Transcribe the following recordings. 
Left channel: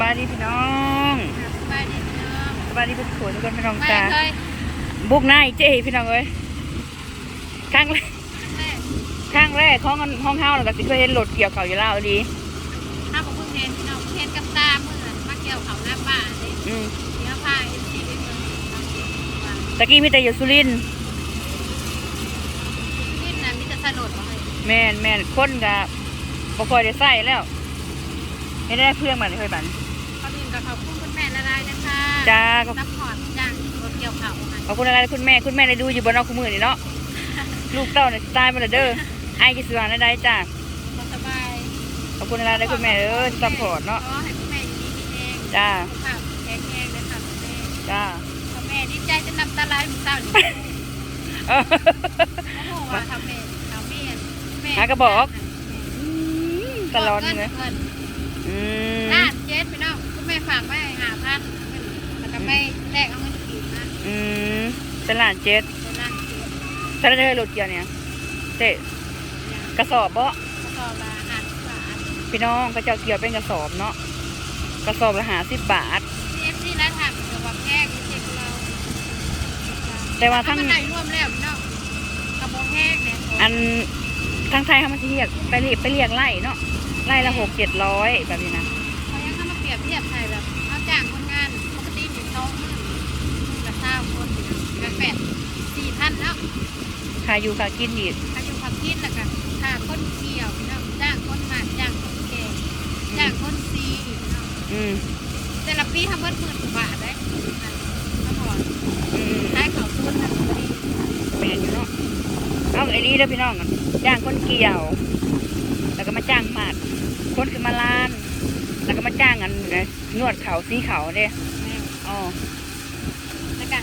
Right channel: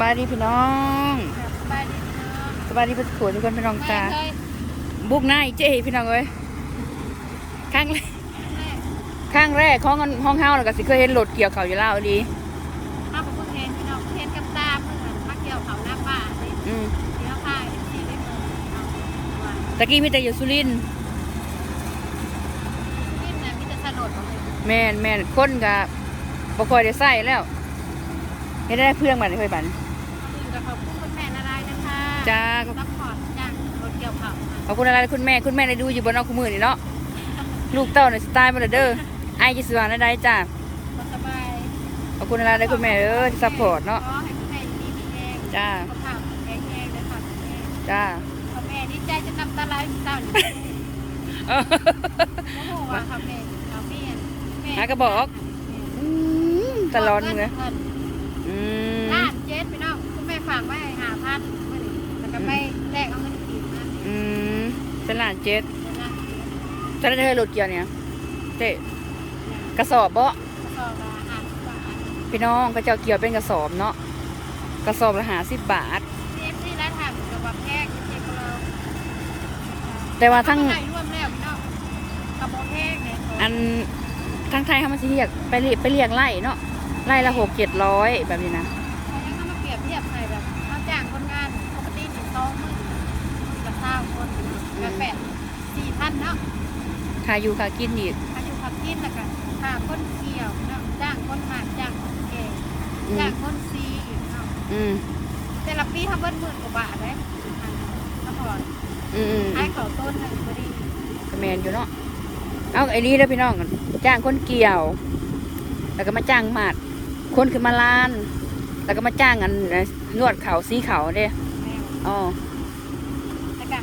บายดีพี่น้องครับสบายดีพี่น้องสบายดีพี่ผัวทุกคนพี่น้องไม่จ้าเคยบุกหน้าอีเจ้พี่น้องเอ้ยครั้งแรกครั้งแรกครั้งแรกของห้องเฮาแล้วก็สิเคยเห็นรถเกี่ยวเขาวอยู่แล้วดีข้าวกับพึ่งเห็นพี่น้องเห็นกับตาเมื่อนมาเกี่ยวเขาหน้าบ้านนี่อืมเดี๋ยวพาเอ็นซีไปเมืองพี่น้องว่าตะกี้มีแต่อยู่สุรินทร์ที่สุรินทร์น่ะมีแต่สลดบ่เลยแม่นแม่นคนก็บ่ค่อยได้ใส่แล้วเฮ็ดได้เพื่อนมันเคยบันเขาดิน กับเขาพุ่งคุณแม่ละลายนะคะจ้าซัพพอร์ตจ้างรถเกี่ยวเขาให้ขอบคุณอะไรคุณแม่คุณแม่ได้ดูอยู่บนนอกคู่มือนี่เนาะ ลูกเต้าเนี่ยสไตล์มาเด้อไอ้จิสวานได้จ้าก็สบายขอบคุณอะไรได้คุณแม่เด้อที่ซัพพอร์ตเนาะขอให้คุณแม่อยู่ดีมีแรงจ้าสุขภาพแข็งแรงเลยค่ะคุณแม่จ้าพ่อแม่ดีใจจะนำตาไหลายเศร้านี่เออ โอ้โหว่าทำแม่ทำแม่แม่หากระบอก อืมตลอดเลยงินอืมล้านเจ็ดพี่น้องคุณแม่ ฝากไว้หาพันมันแล้วก็ไปแลกเอาเงินกีบมาอืมเป็นหลานเจ็ดเป็นล้านเจ็ดถ้าได้รถเกี่ยวเนี่ยเจ๊เนี่ยกระสอบบ่กระสอบละห้าสิบบาทพี่น้องก็เจ้าเกี่ยวเป็นกระสอบเนาะกระสอบละหาสิบบาท ซีเอฟซีร้านถามกับว่าแพงนี่เจ๊ของเราแต่ว่าทั้ง เอมไหนร่วมแล้วพี่น้องกระบอกแห้งเนี่ยอันทั้งไทยเขามาสิเรียกไปเรียกไปเรียกไล่เนาะไล่ละหกเจ็ดร้อยแบบนี้นะ รียบเทียบไทยแบบเอาจ้างคนงานปกติหนึ่งสองหมื่นมึงละเศร้าคนพี่น้องแล้วแปดสี่พันเนาะค่าอยู่ค่ากินอีกอายุขับกินแล้วก็ค่าคนเกี่ยวพี่น้องจ้างคนหมาดจ้างคนแก่อืจ้ามงคนซีอีกพี่น้องอืมแต่ละปีทำเบิ้ลหมื่นกว่าบาทได้อันก็พออืมขายเขาต้นหนึ่งพอดีแมนอยู่เนาะเอาไอ้นี่เด้อพี่น้องจ้างคนเกี่ยว แล้วก็มาจ้างหมัดคนขึ้นมาล้าน แล้วก็มาจ้างอันนวดเขาสีเขาเด้แม่อ๋อแล้วก็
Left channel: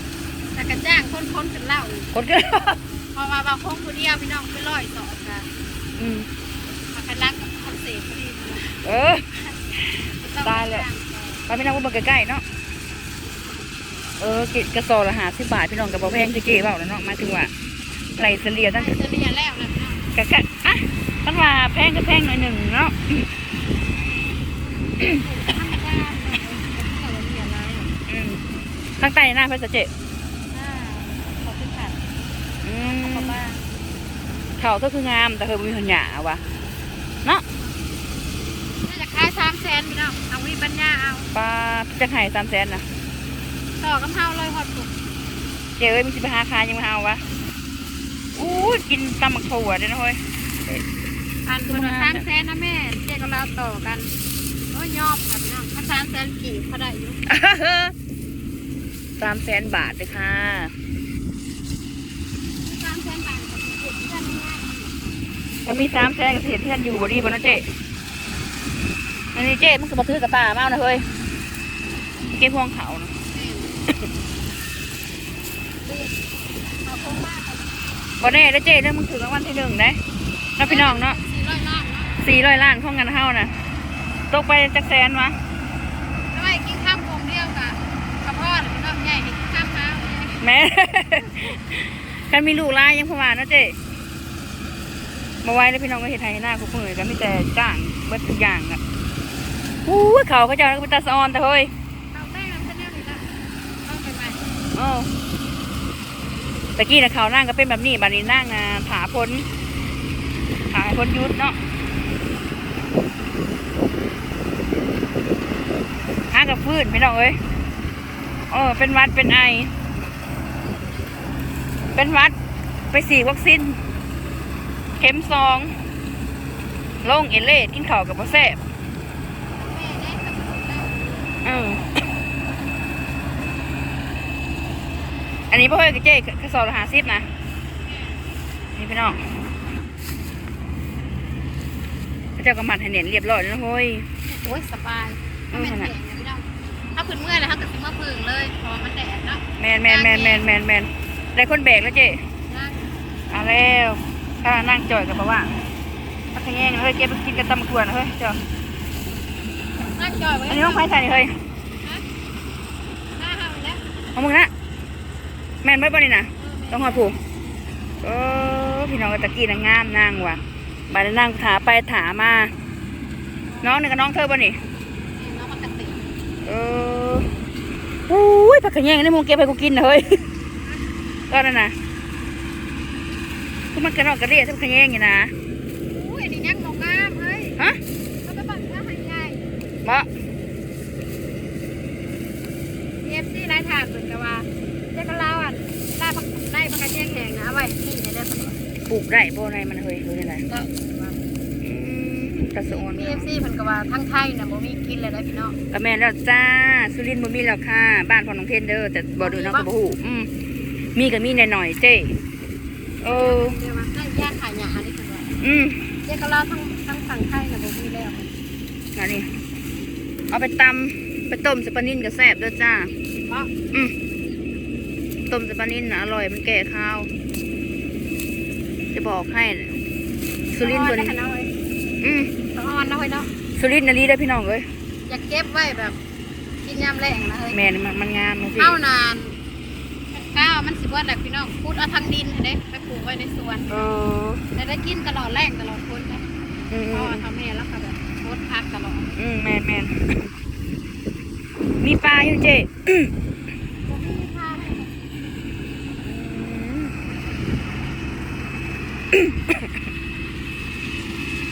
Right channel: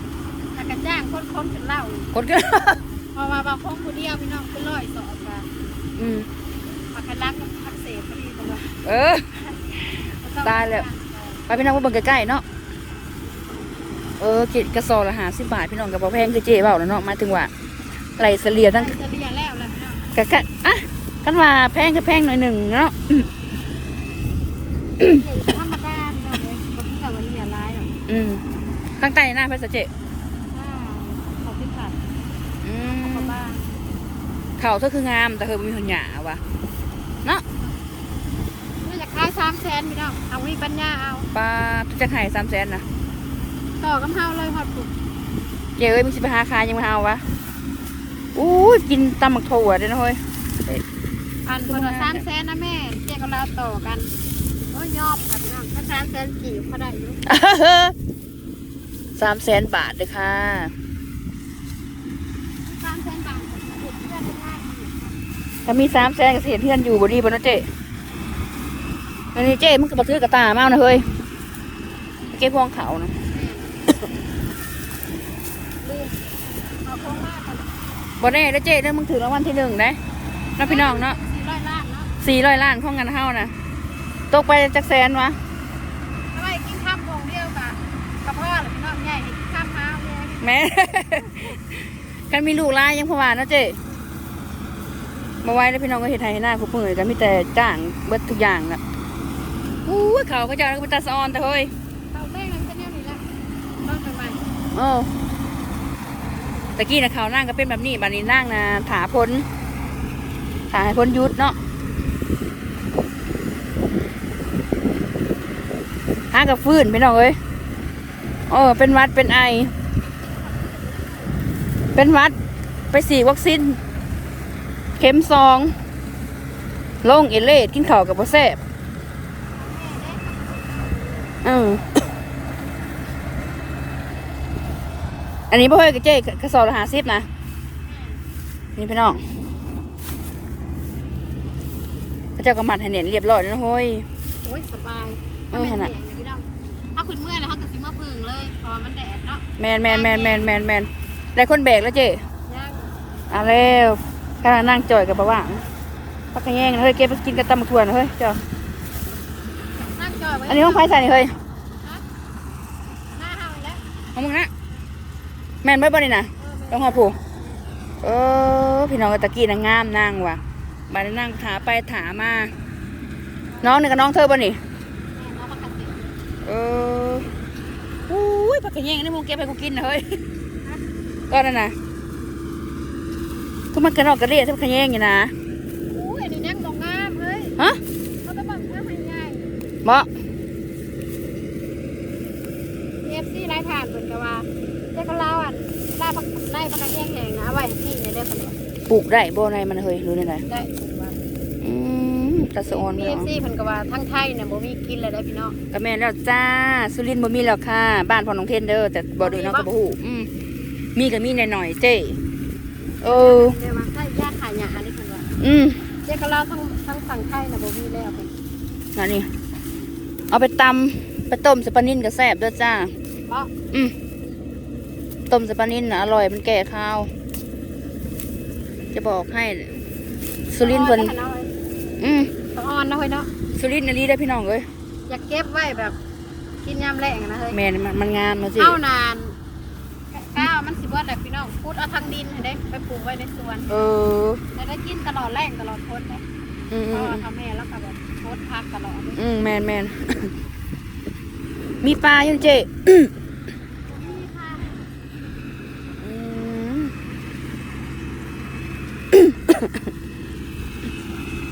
แล้วก็จ้างคนคนกันเหล่าอีกคนก็ เพอมาบางคงผู้เดียวพี่น้องเป็นร้อยสอบค่ะอืมมาคันล้างกับพันเศษพอดีเป็นว่าเออก็ต้องตายเลยจ้งต่อไปพี่น้องมาเบิ่งใกล้ๆเนาะ เออกิกระสอบละหาสิบบาทพี่น้องกับบ่แพงคือเจ๊เบาแล้วเนาะหมายถึงว่าไหลเฉลี่ยได้ตั้งเฉลี่ยแล้วแหละพี่น้องกะกะอะตั้งว่าแพงก็แพงหน่อยหนึ่งเนาะ ธรรมดาเนาะผมก็เรียนแล้วอืมข้างใต้หน้าพระสเจอ่าขอบคุณค่ะอืขอบมคุณมากเขาเธอคืองาม แต่เธอบ่มีหัวหยาวะเนาะนี่จะขายสามแสนพี่น้องเอาวิปัญญาเอาปลาทุจะขายสามแสนนะต่อกำเฮาเลยครับปุ๊เจ๊เอ้ยมีสิบหาคายยังมาเอาวะอู้ยกินตำหมักถั่วด้วยนะเฮ้ย อันคือคนมันละงามสามเนี่ยแสนนะแม่แจกกับเราต่อกันโอ้ยยอมครับพี่น้องถ้าสามแสนกี่เขาได้อยู่สามแสนบาทเลยค่ะสามแสนบาทกับสิบเอ็ดเดือนไม่ง่ายเลยถ้ามีสามแสนก็เสียเพื่อนอยู่บ่ดีบ่เนาะเจ๊อันนี้เจ๊มันก็บ่ถือกระตามากนะเฮ้ยเก็บพวงเขานะดีขอบคุณมากบ่แน่แล้วเจ๊เด้อมึงถือรางวัลที่หนึ่งนะนะพี่น้องเนาะสี่ร้อยล้านนะสี่ร้อยล้านของเงินเฮานะ ตกไปจักแสนวะอะไรกินข้ามวงเดียวกับกับพ่อหรือพี่น้องใหญ่ดิกินข้ามเท้าเลยแหม่ กันมีลูกหลายยังพอว่าเนาะเจ๊มาไว้แล้วพี่น้องก็เห็นไทยหน้าคุกมือกันมีแต่จ้างเบิดทุกอย่างอะอู้ยเขาก็เจะก็เป็นตาสะออนแต่เฮ้ยเราแม่งจะแนวนี้ละต้องใหม่โอ้ตะกี้นะเขานั่งก็เป็นแบบนี้บัดนี้นั่งนะถาพ้นถาพ้นยุดเนาะากับฟื้นพี่น้องเอ้ยโอ้เป็นหวัดเป็นไอ เป็นหวัดไปสีวัคซีนเข็มสอง ลงเอเล่กินข้าวกับบ่แซ่บๆทำแม่ได้ทำสุดได้อืมอันนี้พ่อเฮ้ยกับเจ๊กระสอบละหาซิดนะ นี่พี่น้องพระเจ้ากระมัดให้เน็นเรียบร้อยแล้วนะเฮ้ยโอ้ยสบายเออขนาด พี่น้องถ้าพื้นเมื่อยแล้วถ้าเกิดซิมาพึ่งเลยเพอมันแดดเนาะแมนแมนแมนแมนแมนแมนได้คนแบกแล้วเจ๊นะเอาแล้วข้างนั่งจ่อยกับประว่างพักขะแยงเฮ้ยเก็บไปกินกับตำมะขวนเฮ้ยเจ้านั่งจอยไว้อันนี้ห้องไผ่ใส่นี่เฮ้ยหน้าเฮาอีกแล้วเอามึงนะแม่นเบิดบ่นี่นะต้องหอดผูกเออพี่น้องกับตะกี้นางงามนางว่ะบาดนี้นางถาไปถามา น้องนี่กับน้องเธอบ่นี่น้องมากระ เตงเลยเอออุ้ยผักขะแยงนี่มึงเก็บให้กูกินนะเฮ้ยก็นั่นนะทุกมันกระรอกกระเรียทุกขะแยงอยู่นะอู้ยอันนี้ยังบ่งามเฮ้ยฮะเขาไปบังเขาให้ใหญ่บ่เอฟซีรายทางเพิ่นก็ว่าเจ้าก็เล่าอะได้บักได้บักแยงแหงนะเอาไว้ที่นี่ได้อสนุกปลูกได้บ่ในมันเฮ้ยรู้ได้ไงได้ว่าอื มกระสอนเอเนาะฟซีเพิ่นก็ว่าทั้งไทยน่ะบ่มีกินเลยได้อพี่น้องก็แม่นแล้วจ้าสุรินทร์บ่มีแล้วค่ะ บ้านพ่อน้องเทนเด้อแต่บ่ดูเนาะก็บ่ฮู้อืมมีก็มีหน่อยๆเจ้เออเดี๋ยวมาใส่ยาขายหยานี่เพิ่นว่าอืมเจ้าก็เล่าทั้งทั้งฝั่งไทยน่ะบ่มีแล้วเพิ่นมานี่เอาไปตำไปต้มใส่ปลานิ่นก็แซ่บเด้อจ้าเพราะอืมต้มใส่ปลานิ่นน่ะอร่อยมันแก่ข้าว จะบอกให้สุรินทร์เพิ่นอาไว้ให้น้อยอืม สุรินทร์น่ะลีได้อพี่น้องเอ้ยอย่าเก็บไว้แบบกินยามแรงนะเฮ้ยแม่นมันมันงามนะสิเอานานข้าวมันสิบ่ได้พี่น้องพูดเอาทางดินให้เด้ไปปลูกไว้ในสวนเออแต่ได้กินตลอดแรงตลอดพ้นเด้อืมเพอืราะมว่าทำแม่แล้วก็แบบโพสต์พักตลอดเลยอืมแมนแมน มีปลาอยู่เจ๊บ่มีข้าวอืม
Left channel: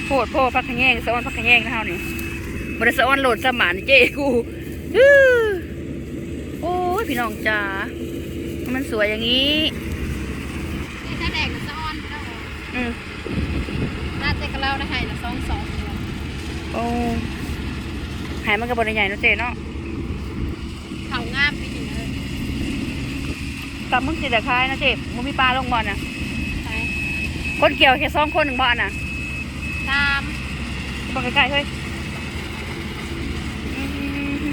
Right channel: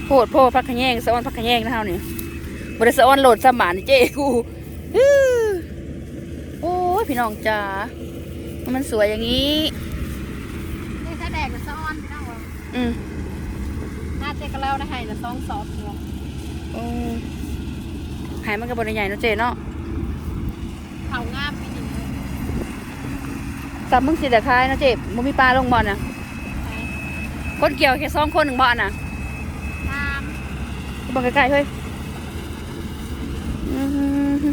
โพดโพดพักขะแยงสะออนพักขะแยงนะเฮานี่บริสะออนโหลดสมานเจ๊กูอื้อโอ้ยพี่น้องจ๋ามันสวยอย่างนี้นี่ถ้าแดงกับซ้อนพี่น้องอืมน่าจะกระเล่าได้ให้ละสองสองเดียวโอ้หายมันกับบริใหญ่เนาะเจ๊เนาะเขางามไปอยู่เลยตับมึงสิเดคายนะเจ๊มึงมีปลาลงบ่อนะไปคนเกี่ยวแค่สองคนหนึ่งบ่อน่ะตาม บังใกล้ๆเฮ้ยอืม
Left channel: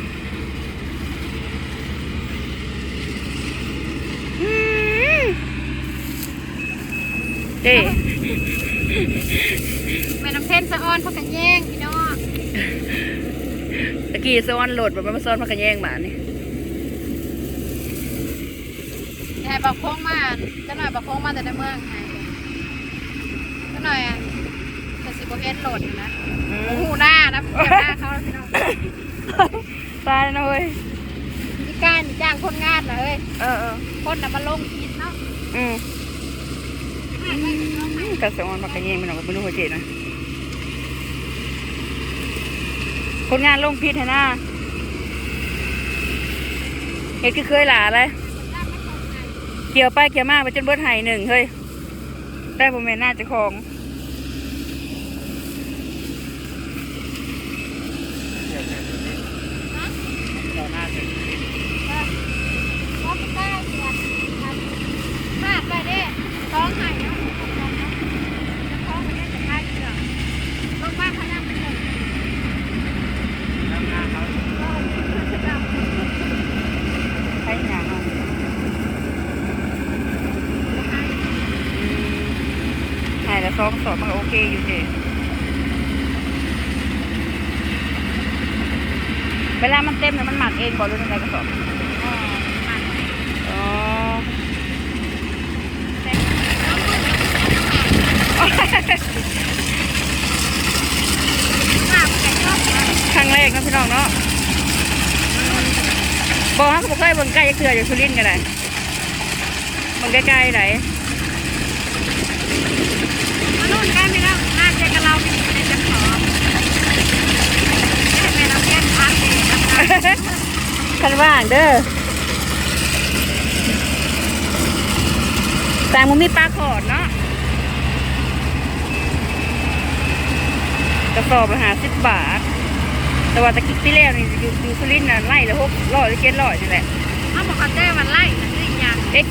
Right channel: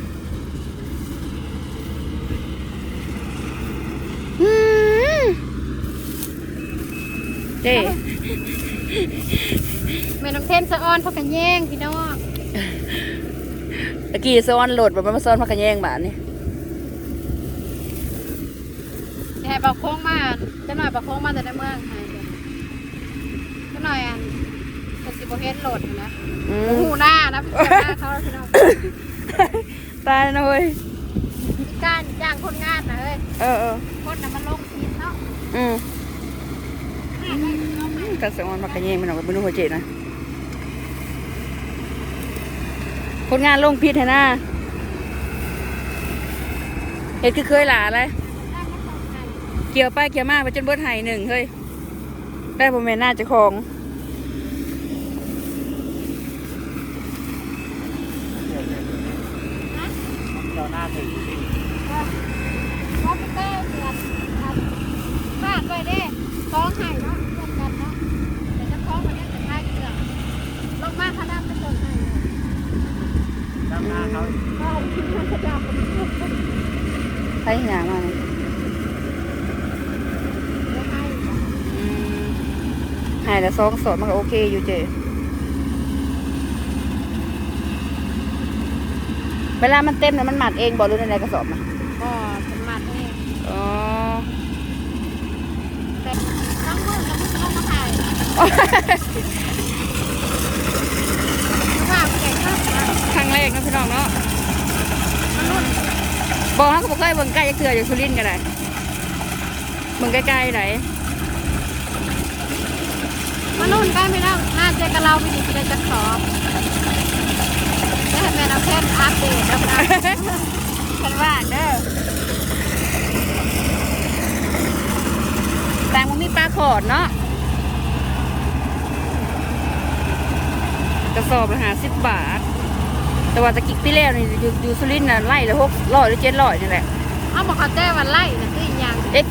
อืมเจ๊เมน้ำเทนสะออนพวกกันแย่งพี่น้องตะกี้ซ้อนโหลดแบบมาซ้อนพักกันแย่งบาทนี่ยายบอกโค้งมาเจะหน่อยบอกโค้งมาแต่ในเมืองไงเจะหน่อยอะจะสิบเฮ็ดโหลดอยู่นะ อืโอ้มโหหน้านะพี่หน้าเขาพี่น้องตายแล้วนะเว้ยพี่การจ้างคนงานนะเฮ้ยเออเออคนน่ะมาลงพิษเนาะอืมมาไว้พี่น้องให้กระซ้อนพักกันแย่งมันออกไปนู่นหัวเจ๊นะคนงานลงพิษให้หน้าเห็ดคือเคยหลาเลยมันได้ไม่เข้าใจเกี่ยวไปเกี่ยวมาไปจนเบิดไห้หนึ่งเฮ้ยได้ผมเป็นหน้าเจ้าของ ใครหยางมาเนี่ยหายแล้วส องสอบมันก็โอเคอยู่เจเวลามันเต็มเนี่ยมันหมัดเองบอกรู้ในไรกระสอบน่ะอ๋อครั้งแรกนะพี่น้องเนาะอืมบอกเขาก็บอกเคยเบิ่งใกล้จะเถื่ออยู่สุรินทร์กันเลยเบิ่งใกล้ๆไหน คันว่าง เด้อแต่มันมีปลาขอดเนาะกระสอบละหาสิบบาท แต่ว่าตะกิกพี่แล้วนี่อยู่อยู่สุรินทร์น่ะไล่ละหกร้อยหรือเจ็ดร้อยนี่แหละเอ็ก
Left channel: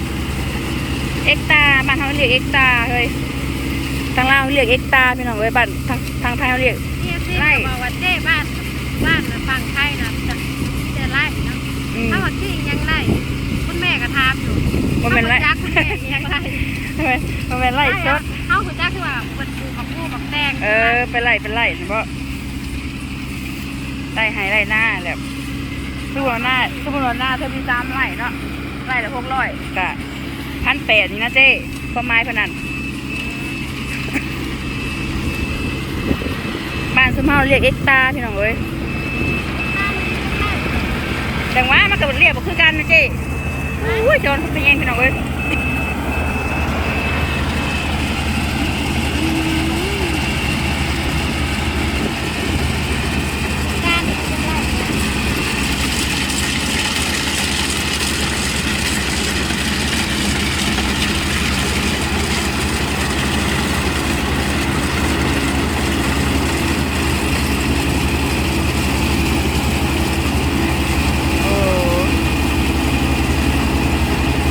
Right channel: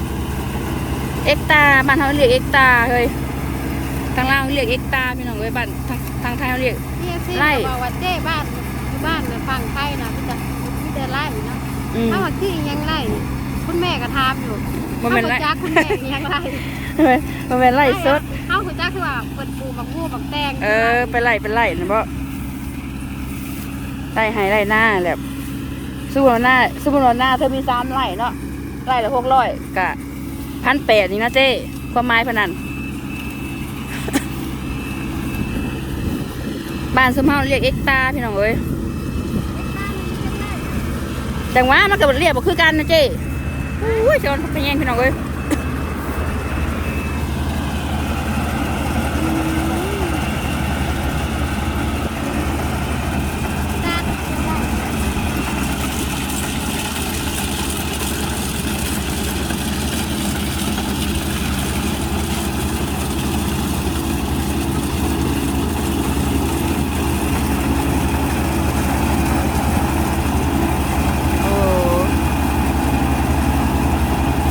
เอ็กตาบ้านเขาเรียกเอ็กตาเฮ้ยทางลาวเขาเรียกเอ็กตาพี่น้องเอ้ยบ้านทางทางไทยเขาเรียกบ้านบ้านฝั่งไทยนะจะมีแต่ไล่นะ อืมถ้าว่าที่ยังไล่คุณแม่ก็ทำอยู่มันเป็นไร จักคุณแม่ยังไล่มันเป็นไรสดเขาคือจักว่าเปิดดูกับพูดกับแดงเออไปไล่ไปไล่นะเพราะไล่ให้ไล่หน้าแบบสู้หน้าสู้หน้าเธอมีสามไล่เนาะไล่ละหกร้อยกะพันแปดนี่นะเจ้ความหมายพนันบ้านสมเฮาเรียกเอ็กตาพี่น้องเอ้ย ดังว่ามันก็เรียบบ่คือกันนะเจ้อุ้ยจนพะแยงพี่น้องเอ้ย โอ้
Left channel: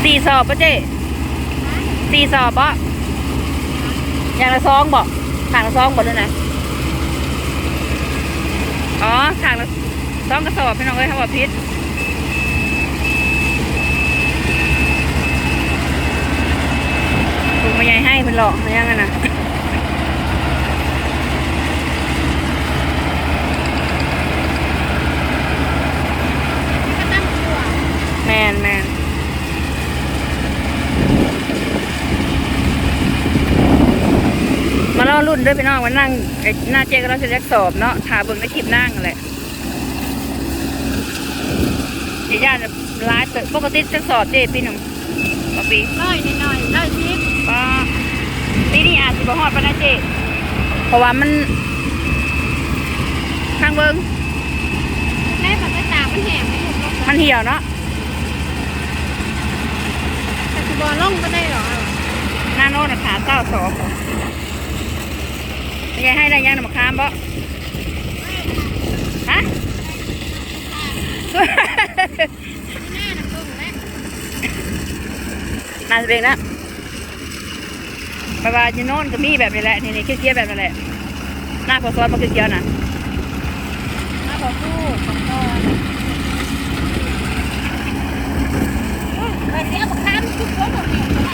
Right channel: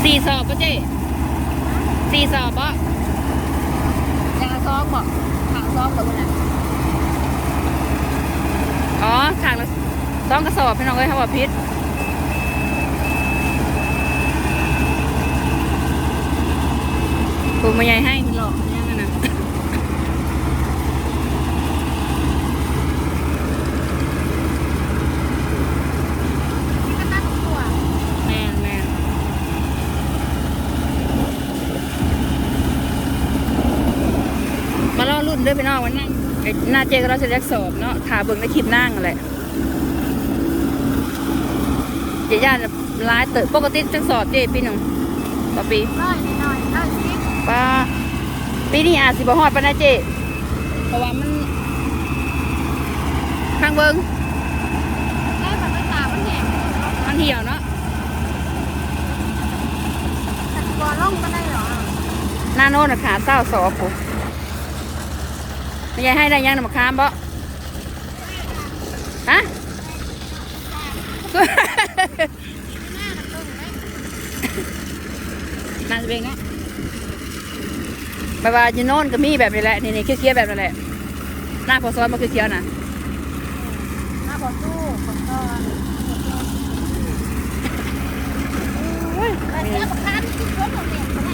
สี่ส อบปะเจ๊สี่สอบปะอย่างละซองบอกขางละซองบอกด้วยนะอ๋อขางละซองกระสอบพี่น้องเอ้ยครับอพิษปูมาใหญ่ให้เป็นหลอกหรือยังไงนะ ก็ตั้งตัว แมนแมนมาล่อ รุ่นด้วยพี่น้องมานั่งไอ้หน้าเจ๊ก็เราจะแยกสอบเนาะถาเบิ่งในคลิปนั่งนั่นแหละเจ๊ย่านร้ายเตอะปกติจะสอบเจ๊ปีหนึ่งต่อปีเอ้ยหน่อยๆเอ้ยชิปป้าปีนี้อาจสิบ่ฮอดปานนะเจ๊เพราะว่ามันทางเบิงแม่เป็นภาษามันแหบเลยมันเหี่ยวเนาะแต่ตัวล่องก็ได้หรอกหน้าโน้นน่ะขาเศร้าสอบผม ไม่ยายให้ได้ยังนำมาค้ามบ่ฮะหน้าหนักต้นไหมนาสเบงนะบายบายยูโน่นก็มีแบบนี้แหละ นี่นี่เคี้ยวๆแบบนั้นแหละ หน้าพอซ้อนมาเคี้ยวๆนะมาบอกสู้ไปเที่ยวค้ามคิดว่าเราเป็นอะไร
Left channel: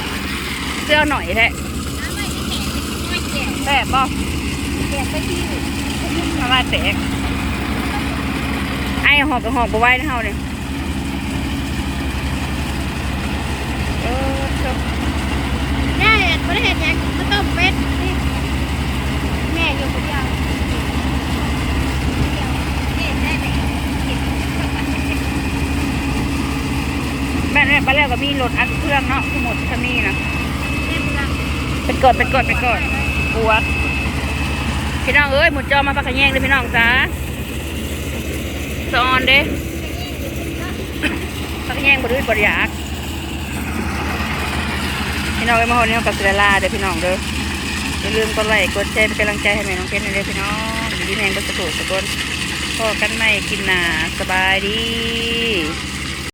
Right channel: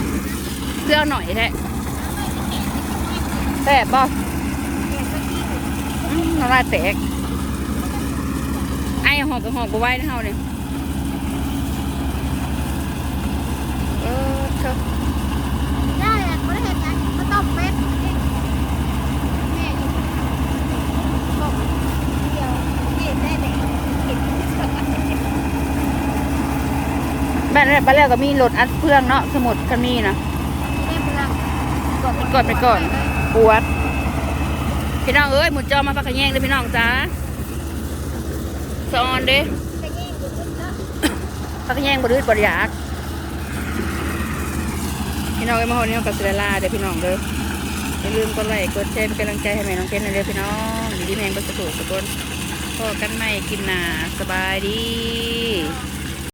เสื้อหน่อยแท้น้ำไม่ได้แข็งเป็นน้อยเกี่ยวแสบบ่แข็งไปที่ มาว่าแตกไอ้หอกกับหอกบ่ไหว้นะเฮาเนี่ยเออเถอะแม่ไม่ได้เห็นยังก็ต้องเป็นนี่แม่อยู่คนเดียวนี่แม่เนี่ยบ้านแรกบ้านแรกก็มีรถอัดเครื่องเนาะสมุดจะมีนะเป็นก่อนเป็นก่อนเป็นก่อนปวด พี่น้องเอ้ยหมุดจอมาปักขะแยงเลยพี่น้องจ้าสอนเด้ปักแยงบดื้อบดอยากพี่น้องเอ้ยมาหอนี้กับเสลาเด้อพี่น้องเด้ออย่าลืมกดไลค์กดแชร์เป็นกำลังใจให้แม่น้องเพชรหน่อยพี่น้องอยู่ที่แมงก็สะกดสะกดพอกันใหม่กินหนาสบายดี